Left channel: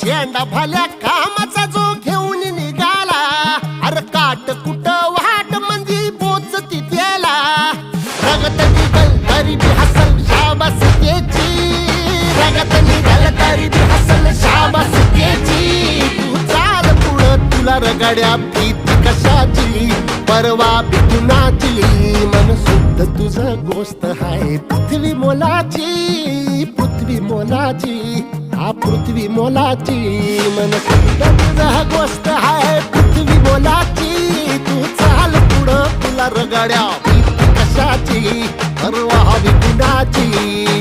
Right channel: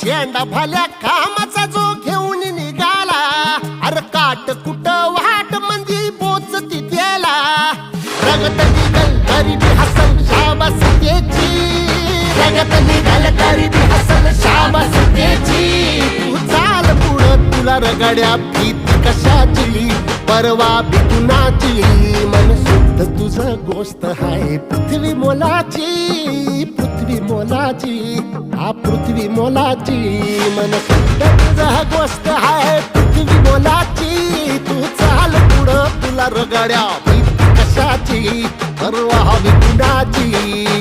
शेंडा भल्या कामाचा जो घेऊन निघाला. अरे काट कुट वाट मंदी बोच तिथेला. रगत निघल तरी बी हसल शाबास त्याची. रगत निघल तरी बी हसल शाबास त्याची. तू चाल पुढं तुला रगड्या भीती कशाची? परवा बिकुनाची मन शुद्ध तुझं गोष्ट आहे पृथ्वी मोलाची पृथ्वी मोलाची. हा पृथ्वी मोलाची मन हा गोष्ट आहे पृथ्वी मोलाची. तू चाल पुढं तुला रगाड्या भीती कशाची? परवा कुणाची?